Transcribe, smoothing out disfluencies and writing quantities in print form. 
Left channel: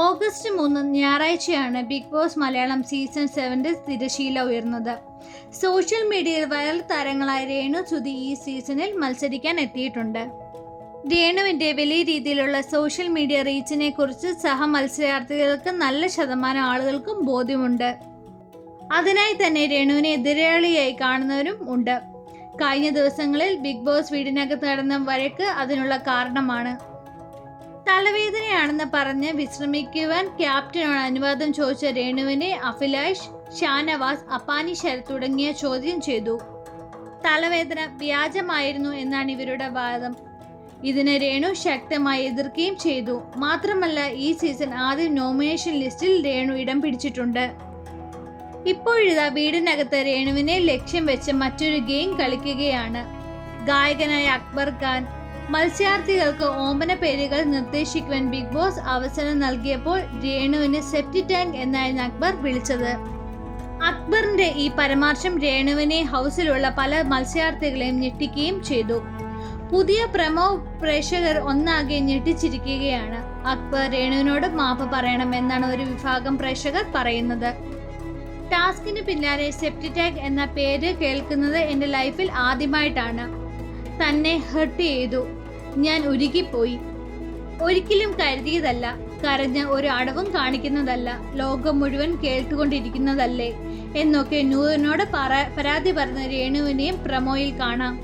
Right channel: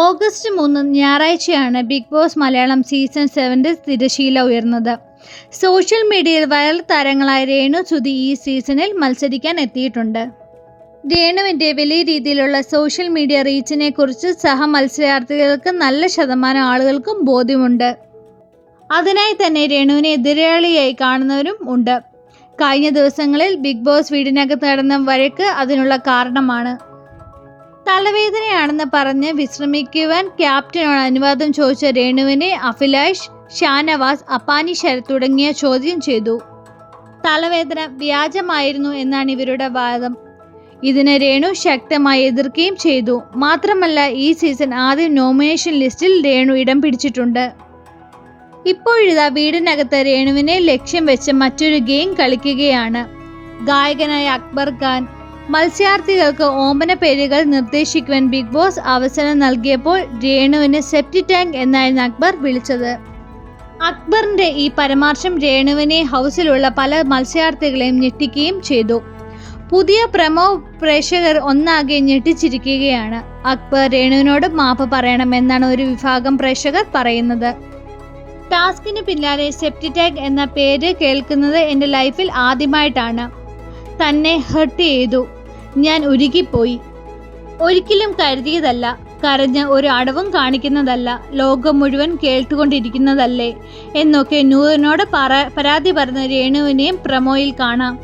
August 3 ഞായറാഴ്ചയാണ് big boss Malayalam season 7 തിരശീല ഉയർന്നത്. സോഷ്യൽ മീഡിയയിൽ വൈറൽ താരങ്ങളായ രേണു സുധി ഈ സീസണിൽ മത്സരിക്കാൻ എത്തിയിട്ടുണ്ട്. രേണുവിൻ്റെ വലിയ രീതിയിലുള്ള സോഷ്യൽ മീഡിയ റീച്ചിനെ കുറിച്ച് മത്സരാർത്ഥികൾക്ക് നല്ല ശതമാനം ആളുകൾക്കും ബോധ്യമുണ്ട്. അതിനായി തന്നെ രേണുവിനെ എതിരാളിയായി കാണുന്നവരും ഉണ്ട്. കഴിഞ്ഞ ദിവസങ്ങളിൽ ബിഗ് ബോസ് വീടിനകത്ത് നടന്ന വഴക്ക് അതിനുള്ള കാരണമാണ്. തലവേദനയാണെന്ന് പറഞ്ഞ് വിശ്രമിക്കുവാൻ ക്യാപ്റ്റനോട് അനുവാദം ചോദിച്ച രേണുവിനെ അഭിലാഷ്, ഷാനവാസ്, അപ്പാനി ശരത് തുടങ്ങിയ ചോദ്യം ചെയ്തു. തലവേദന വ്യാജമായിരുന്നു എന്നാണ് ഇവരുടെ വാദം. ഇതിന് രേണു ശക്തമായി എതിർക്കുകയും ചെയ്തു. മാത്രമല്ല, ഈ സീസൺ ആദ്യം നോമിനേഷൻ ലിസ്റ്റിൽ രേണു ഇടം പിടിച്ചിട്ടുണ്ട്. ഇപ്പോഴിതാ വീടിനകത്ത് രേണുവിനെ ലക്ഷ്യം വെച്ച് മറ്റൊരു ഗെയിം കളിക്കുകയാണ്. ഗായകനായ അക്ബർ ഖാൻ മത്സരാർത്ഥികൾക്ക് ഓമന പേരുകൾ നിർദ്ദേശിക്കുവാൻ ബിഗ് ബോസ് അവസരം നൽകിയപ്പോൾ രേണുവിന് സെപ്റ്റി ടാങ്ക് എന്നായിരുന്നു അക്ബർ വിളിച്ചത്. അക്ബറിന്റെ ഈ പരാമർശം രേണുവിനെ ഹൗസിലുള്ള പല മത്സരാർത്ഥികളെയും ഞെട്ടിക്കുകയും ചെയ്തു. പുതിയ പ്രമോ പ്രേക്ഷകർ ഒന്നാകെ ഞെട്ടിച്ചിരിക്കുകയാണ്. അക്ബർ രേണുവിനോട് മാപ്പ് പറയണമെന്നാണ് ഒരു വിഭാഗം പ്രേക്ഷകർ പറയുന്നത്. ടാസ്കിന് പിന്നാലെ സെപ്റ്റി ടാങ്ക് എന്ന പേര് കേൾക്കുന്നത് എൻ്റെ ലൈഫിൽ ആദ്യമായിട്ടാണ്. തന്നെ ഹർട്ട് ചെയ്തു. ഞാൻ ഉരുകിപ്പോയി. ഒരിക്കലും കരുതിയതല്ല. കരഞ്ഞ് ഒരു അടവും കാണിക്കുന്നതല്ല. ലോകം മുഴുവൻ കേട്ടുകൊണ്ടിരിക്കുന്നതല്ലേ എന്നൊക്കെ നൂറിനോട് പരാതി പറഞ്ഞ രേണുവിനെയും പ്രമോയിൽ കാണാം.